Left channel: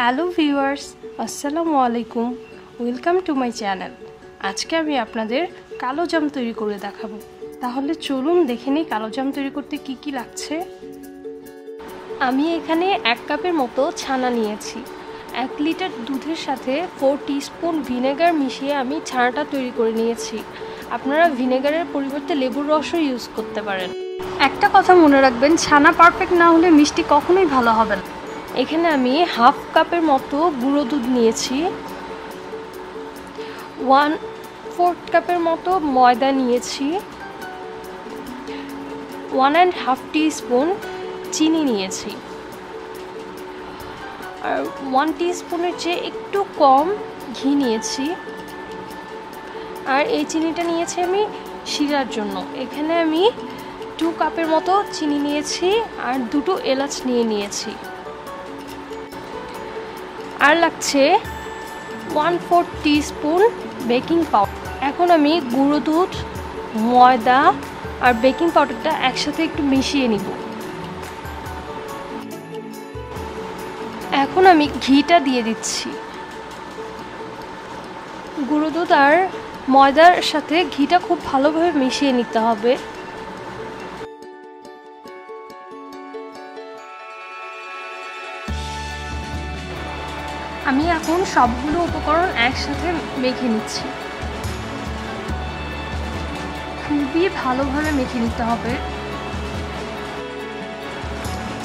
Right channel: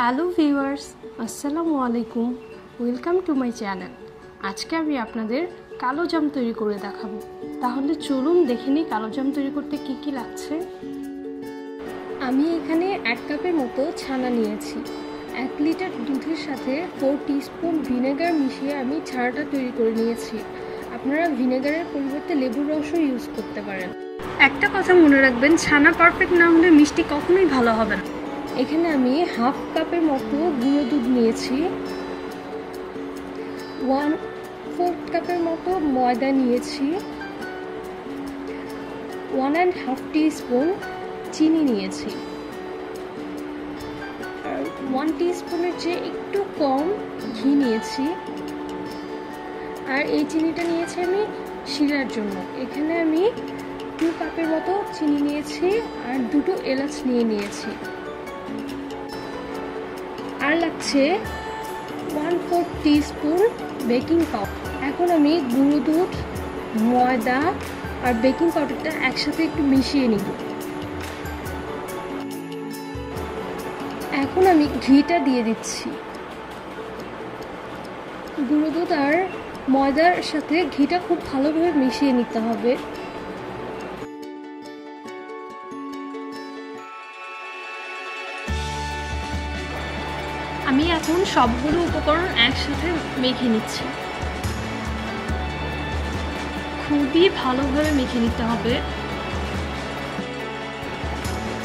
Hello viewers, আসসালামু আলাইকুম। Welcome to my channel. আজকে আমি আপনাদের কালো জাম তৈরি করে দেখাবো। তাহলে চলুন দেখে নিই কালো জাম তৈরি করতে কি কি লাগছে। আমি এখানে 1 কাপের মতো ছানা নিয়েছি। 1 লিটার দুধের সাথে 4 টিস্পুন ভিনেগার মিশিয়ে আমি ছানাটা তৈরি করে নিয়েছি। আপনারা ভিনেগারের পরিবর্তে লেবুর রসও ইউজ করতে পারেন। একটা কথা মনে রাখবেন, ছানা পারফেক্ট না হলে মিষ্টি কখনোই ভালো হবে না। এখানে আমি 1/2 কাপের মতো গুঁড়ো দুধ নিয়েছি, 1/4 কাপের মতো ময়দা নিয়েছি, 1.5 টিস্পুন চিনি নিয়েছি, আর 1 টিস্পুনের চেয়ে একটু কম ঘি নিয়েছি। আর এই চিনিটা নিয়েছি আমি শিরার জন্য। এখানে আমি 2 কাপের মতো চিনি নিয়েছি আর 2টো এলাচ নিয়েছি। আর লাগছে 1/4 টিস্পুন বেকিং পাউডার। এখন আমি গুঁড়ো দুধ, ময়দা আর বেকিং পাউডারটা একসাথে একটু মিশিয়ে নিব। এখন আমি ঘিটা দিয়ে দিচ্ছি। গুঁড়ো দুধ আর ময়দার সাথে ঘিটা খুব ভালোভাবে মিশিয়ে নিতে হবে। আমি এখন সবগুলো উপকরণ একসাথে মেখে নিচ্ছি। খুবই ভালোভাবে মেখে নিতে হবে।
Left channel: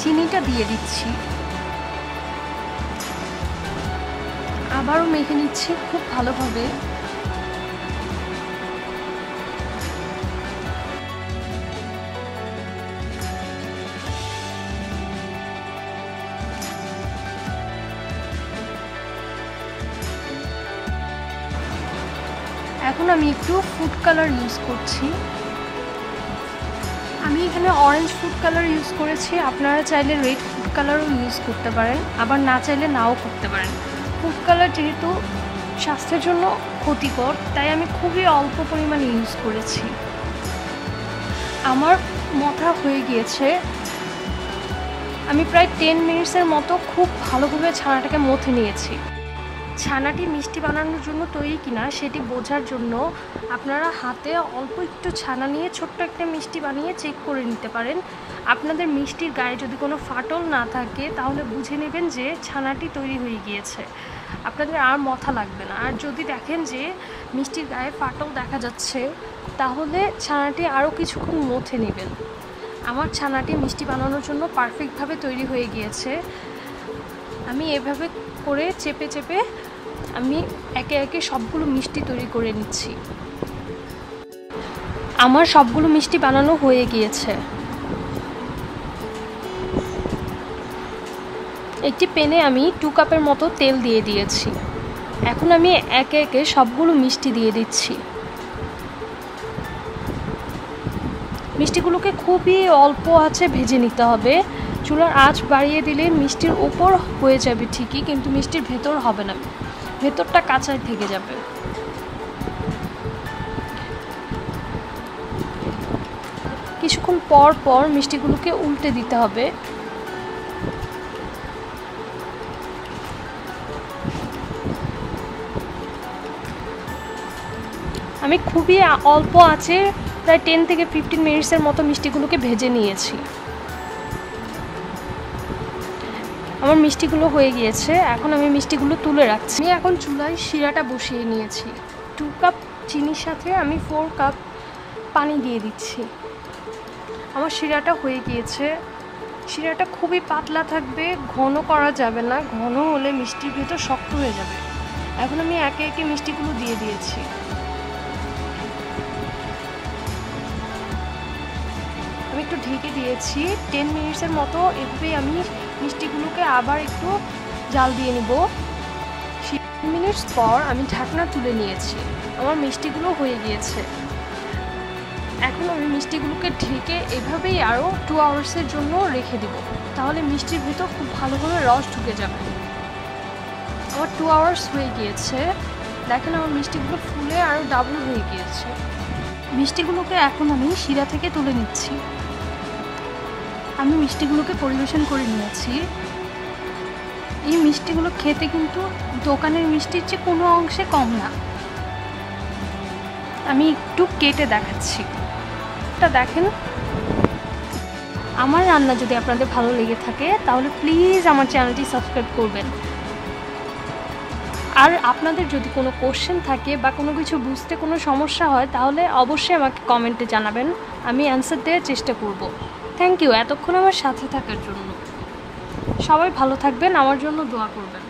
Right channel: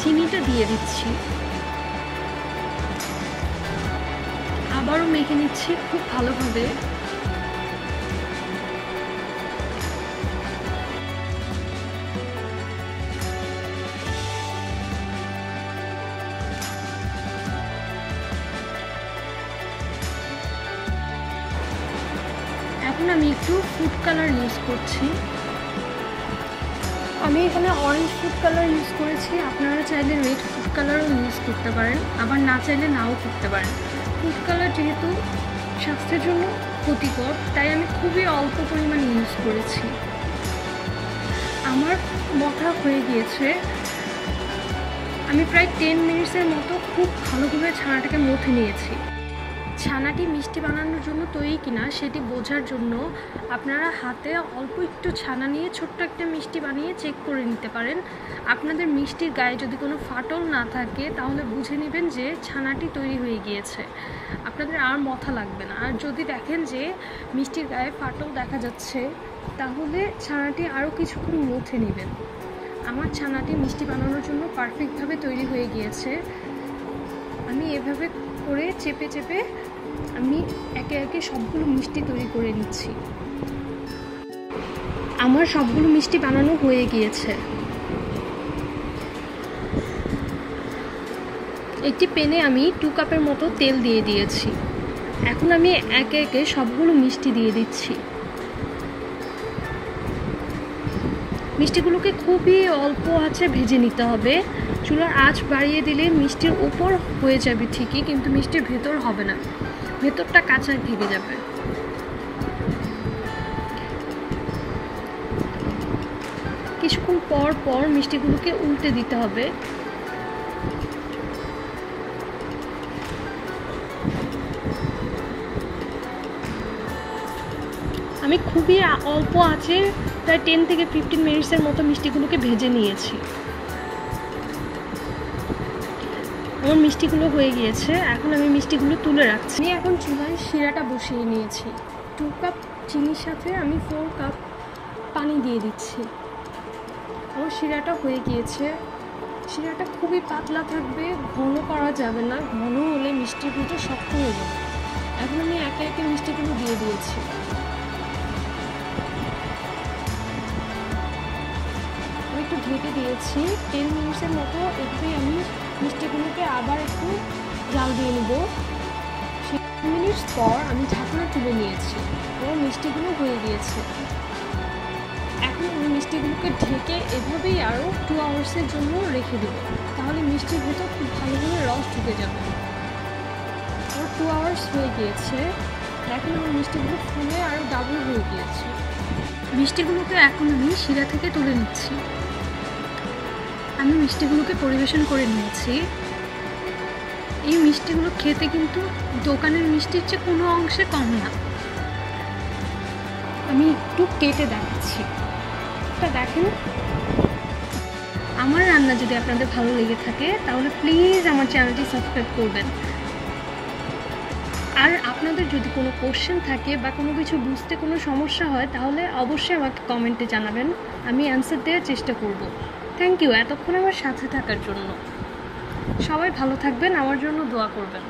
চিনিটা দিয়ে দিচ্ছি, আবারও মেখে নিচ্ছি খুব ভালোভাবে। এখন আমি একটু ফুড কালার ইউজ করছি। আমি এখানে অরেঞ্জ ফুড কালার ইউজ করেছি। আপনারা চাইলে রেড ফুড কালারও ইউজ করতে পারেন, আবার না চাইলে নাও করতে পারেন। ফুড কালার যেহেতু স্বাস্থ্যের জন্য ক্ষতিকর, তাই আমি খুবই অল্প পরিমাণে ইউজ করেছি। আমার মথা হয়ে গিয়েছে। আমি প্রায় 10 মিনিটসের মতো খুব ভালোভাবে ছানাটাকে মথে নিয়েছি। ছানাটি মিষ্টি বানানোর জন্য তৈরি কিনা সেটি বোঝার জন্য আপনারা হাতে অল্প একটু ছানা নিয়ে ছোট্ট একটা মিষ্টি বানিয়ে চেক করে নিতে পারেন। আপনাদের মিষ্টির গায়ে যদি কোনো ফাটল না থাকে তাহলে বুঝে নেবেন যে ছানাটি তৈরি হয়ে গিয়েছে। আপনাদের আর মথা লাগবে না। আর যদি দেখেন যে মিষ্টির গায়ে ফাটল দেখা যাচ্ছে তাহলে ছানাটি আরও কিছুক্ষণ মথে নেবেন। আমার ছানাটি মিষ্টি বানানোর জন্য পারফেক্টভাবে তৈরি হয়ে গিয়েছে। আমি এভাবে করে চেপে চেপে আমি একে একে সবগুলো মিষ্টি তৈরি করে নিচ্ছি। আমার সবগুলো মিষ্টি বানানো হয়ে গিয়েছে। একটি প্যানে আমি 2 কাপের মতো তেল দিয়ে দিয়েছি। এখন আমি একে একে সবগুলো মিষ্টি দিয়ে দিচ্ছি। মিষ্টিগুলোকে খুবই অল্প আঁচে ভেজে নিতে হবে। চুলার আঁচ বাড়িয়ে দিলে মিষ্টির উপর হয়ে যাবে ঠিকই, কিন্তু মিষ্টির ভেতর হবে না, ভেতরটা কাঁচা থেকে যাবে। কিছুক্ষণ পর পর মিষ্টিগুলোকে উল্টে দিতে হবে। আমি খুবই অল্প আঁচে প্রায় 10 থেকে 15 মিনিটসের মতো মিষ্টিগুলোকে ভেজে নিয়েছি। আমার মিষ্টিগুলো হয়ে গিয়েছে। এখন আমি মিষ্টিগুলো তুলে রাখছি। আমি এখন চুলায় শিরাটা বসিয়ে নিয়েছি। 2 কাপ চিনির সাথে আমি 4 কাপ পানি দিয়ে দিচ্ছি। আমার শিরাটা হয়ে গিয়েছে। শিরাটা খুবই পাতলা থাকবে, ঘন করা যাবে না। ঘন হলে মিষ্টির ভেতর শক্ত হয়ে যাবে। এখন আমি একে একে মিষ্টিগুলো দিয়ে দিয়েছি। আমি একটু ঢেকে দিয়েছি 10 মিনিটসের মতো। এভাবেই আমি মিষ্টিগুলোকে আবার একটু জাল দিয়ে নিব। 10 মিনিট পর আমি ঢাকনা তুলে নিয়েছি। আমার মিষ্টিগুলো হয়ে গিয়েছে। এখন আমি মিষ্টিগুলোকে ঢেকে এভাবেই আরও 2 আওয়ার্সের জন্য রেখে দেব। তাহলে মিষ্টির ভেতর খুব ভালোভাবে রস ঢুকে যাবে। আমার 2 আওয়ার্স হয়ে গিয়েছে। দেখেন আমার মিষ্টিগুলো ফুলে আরও ডাবল হয়ে গিয়েছে। মিষ্টিগুলোকে এখন আমি শিরা থেকে তুলে নিচ্ছি। আমি মিষ্টিগুলোকে পরিবেশন করে নিয়েছি। এই মিষ্টিগুলো খেতে কিন্তু দোকানের মিষ্টির চেয়ে কোনো অংশে কম না। আমি একটু কেটে দেখাচ্ছি, তা দেখেন। আমার রান্না যদি আপনাদের ভালো লেগে থাকে তাহলে প্লিজ আমার চ্যানেলটি সাবস্ক্রাইব করবেন। আর আপনাদের যদি কোনো কোশ্চেন থাকে বা কোনো কিছু বুঝতে কোনো সমস্যা হয় তাহলে অবশ্যই আমাকে কমেন্টে জানাবেন, আমি অ্যান্সার দেওয়ার চেষ্টা করব। থ্যাংক ইউ এতক্ষণ আমার সাথে থাকার জন্য। সবাই ভালো থাকবেন, আমার জন্য দোয়া করবেন।